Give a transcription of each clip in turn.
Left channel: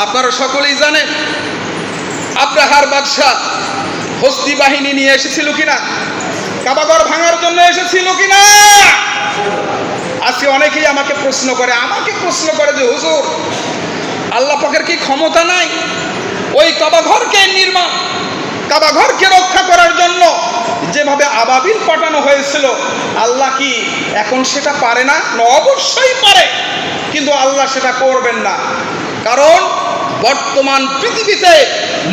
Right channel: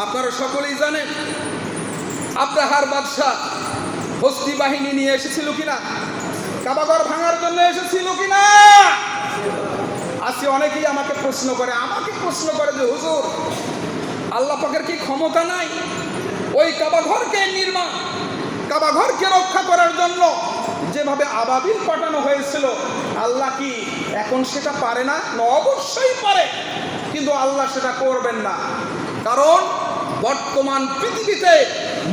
আপনারা সকলেই জানেন আব্রাহার বাদশাহ হস্তি বাহিনী নিয়ে এসেছিল কিনা? কাবাগর ভাঙার জন্য এসেছিল কিনা? আজকে অনেকেই আমাকে প্রশ্ন করে আমাকে প্রশ্ন করে যে হুজুর আল্লাহ পাকের কি ক্ষমতা নাই? ওই কাবাঘরকে নির্মাণ কাবাঘরকে রক্ষা করার জন্য যেভাবে আবাবিল পাঠানো হয়েছিল আল্লাহ কি এখন সেটা পারে না? না, অবশ্যই পারে। কিন্তু আল্লাহ সেটা করবেন না। কারণ বর্তমান পৃথিবীতে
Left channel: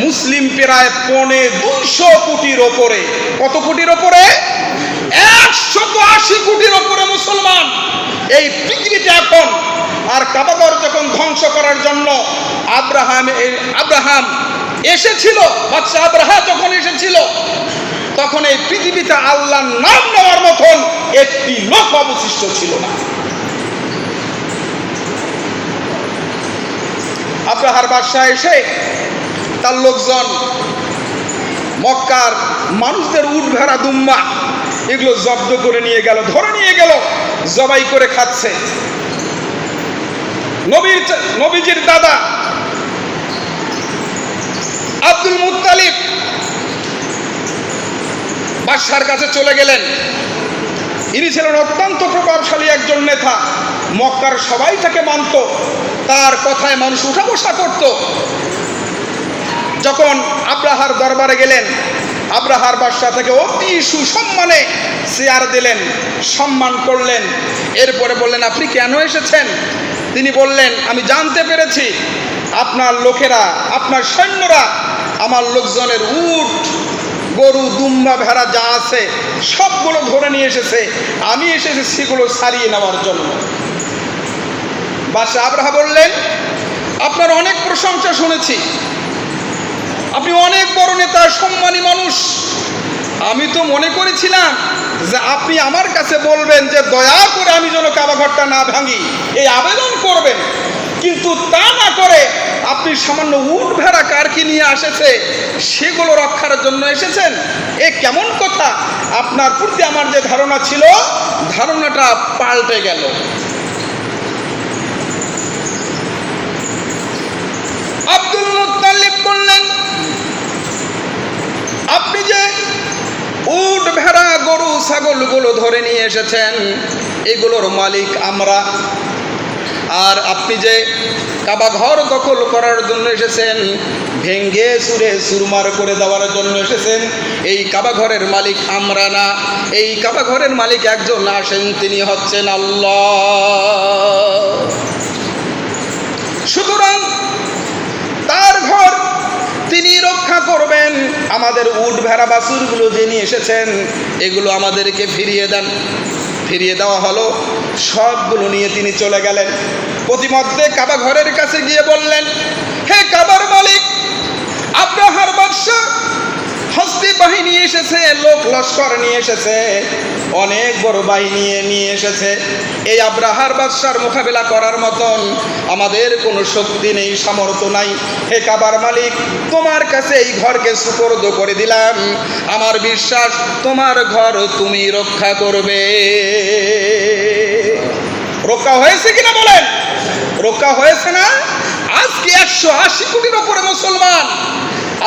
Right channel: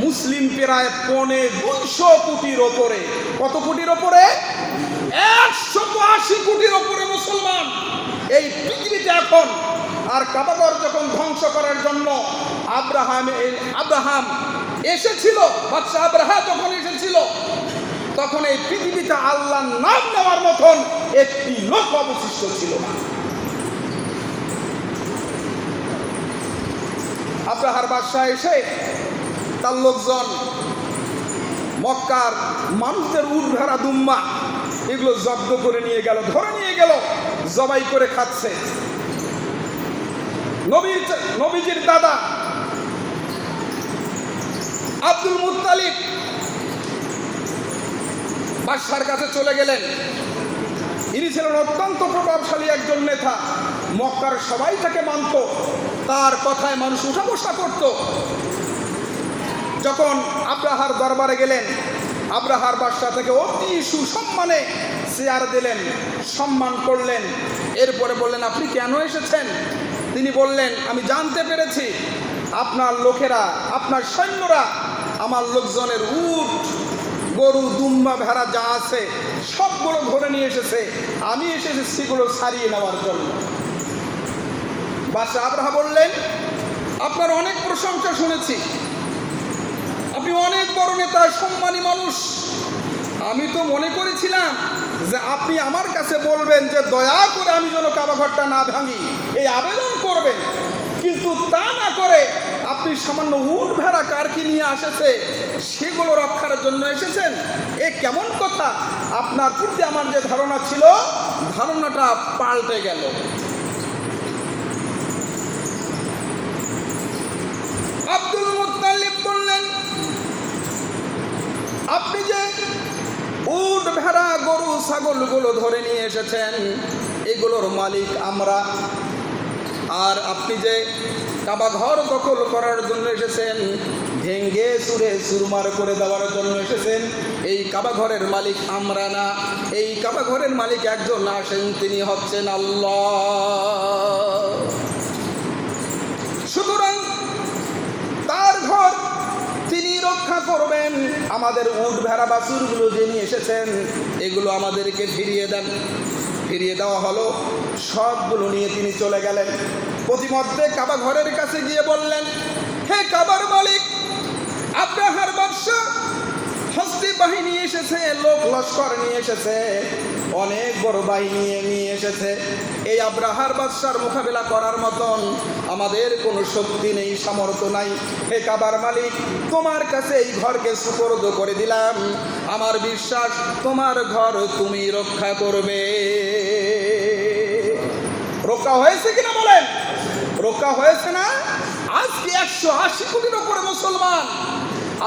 মুসলিম প্রায় পনে দুইশো কোটির ওপরে। কত কোটির ওপরে? একশত আশি কোটির ওপরে মুসলমান। এই পৃথিবীতে এখন আর কাবাগর যখন ধ্বংস করার জন্য আব্রাহাম আব্রাহাম এসেছিল বাচ্চা আব্রাহা যখন এসেছিল, তখন এই পৃথিবীতে আল্লাহর নাম নেওয়ার মতন একটি লোক অবশিষ্ট ছিল না। আব্রাহার বাদশাহ এসে তার লোকজন, মক্কার মানুষদের উট ভেড়া দুম্মা এগুলো জব্দ করে নিয়ে গেল, ধরে নিয়ে গেল, জবাই করে খাচ্ছে। নবীর নবীজির দাদা আব্দুল মুত্তালিব বাদশার কাছে চলে গেলেন। ইনি ছিলেন অত্যন্ত প্রভাবশালী একজন নেতা, মক্কার সবাই তাকে মানত। তার কথায় মানুষ উঠা বসা করত। যখন আব্রাহার দরবারে গেলেন, আব্রাহার বাদশাহ থেকে অতি সুসম্মানে চেয়ার দিলেন, সম্মান করলেন। এরপরে বললেন, আপনি কেন এসেছেন? তিনি বললেন, আমি জানতে পেরেছি, আপনার লোকেরা, আপনার সৈন্যরা, আমার লোকজনের উট, গরু, দুম্বা, ভেড়া যা আছে, সবগুলো ধরে নিয়ে এসেছে। আমি এসেছি সেগুলো সারিয়ে নেওয়ার জন্য। বাদশাহ আব্রাহা বললেন, আপনার অনেক প্রশংসা শুনেছি। আপনি অনেক বড় নেতা, সম্মানী মানুষ। আমি তো মনে করেছিলাম যে আপনি আমার কাছে বলবেন যে দয়া করে আমি যেন কাবাঘরটা না ভাঙি। এই আবেদন করবেন। কিন্তু তা না করে আপনি সামান্য উট ভেড়া কার কি নিয়ে এসেছে সেগুলো রক্ষার জন্য এসেছেন? এ কেমন কথা? আপনার প্রতি আমার যে ধারণা ছিল, ধারণাটা পাল্টে গেল আব্দুল মুত্তালিব বললেন আপনি যে উট ভেড়া গরু ছাগলগুলো ধরে নিয়ে এসেছেন, এগুলোর মালিক আমরা। আর আপনি যে কাবা ঘর দখল করার জন্য এসেছেন, ভেঙ্গে সুরে সুরমার করে দেওয়ার জন্য এসেছেন, এই কাবা ঘরের মালিক আমরা না। এই কাবা ঘরের মালিক একজন আসেন তিনি হচ্ছেন আল্লাহ সুতরাং তার ঘর তিনি রক্ষা করবেন আমাদের উট ভেড়া বাসুরগুলো যে নিয়ে এসেছেন, এগুলো আমাদেরকে ফিরিয়ে দেন। ফিরিয়ে দেওয়া হলো। সবগুলো নিয়ে তিনি চলে গেলেন। প্রতিমধ্যে কাবা ঘরের কাছে গিয়ে বললেন, হে কাবার মালিক আব্রাহার বাদশাহ হস্তি বাহিনী এসেছে, লোক লস্কর নিয়ে এসেছে, অনেক বড় বাহিনী নিয়ে এসেছে। এই আব্রাহার বাদশার মোকাবেলা করার মতন আমাদের কোনো শক্তি নেই, সামর্থ্য নাই। হে কাবার মালিক, তোমার কাছে এই ঘরকে সুপর্দ করে দিলাম। আমার বিশ্বাস, তোমার ঘর তুমি রক্ষা করবে। রক্ষা হয়েছে কিনা বলেন? রক্ষা হয়েছে না? আজকে একশো আশি কোটির ওপরে মুসলমান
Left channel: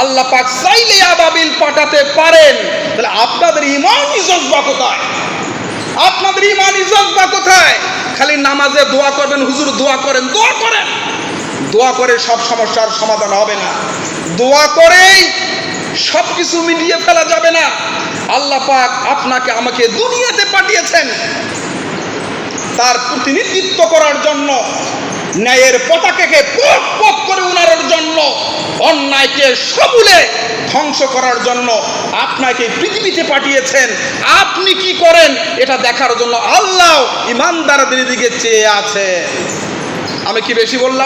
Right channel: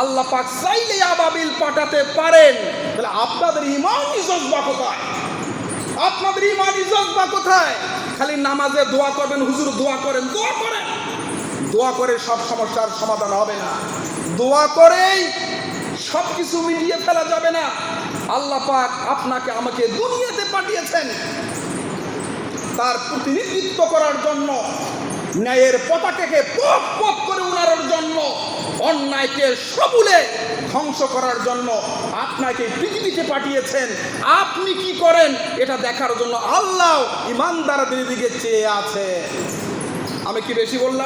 আল্লাহ পাক চাইলে আবাবিল পাঠাতে পারেন। তাহলে আপনাদের ইমান জজবা কোথায়? আপনাদের ইমান জজবা কোথায়? খালি নামাজে দোয়া করবেন, হুজুর দোয়া করেন দোয়া করেন। দোয়া করে সব সমস্যার সমাধান হবে না। দোয়া করেই সব কিছু মিটিয়ে ফেলা যাবে না। আল্লাহ পাক আপনাকে আমাকে দুনিয়াতে পাঠিয়েছেন। তার প্রতিনিধিত্ব করার জন্য ন্যায়ের পতাকাকে পক পক করে উনার জন্য, অন্যায়কে সবুলে ধ্বংস করার জন্য আপনাকে পৃথিবীতে পাঠিয়েছেন। আপনি কি করেন? এটা দেখার জন্য আল্লাহ ইমানদারদের দিকে চেয়ে আছে আমি কি বেশি বললাম?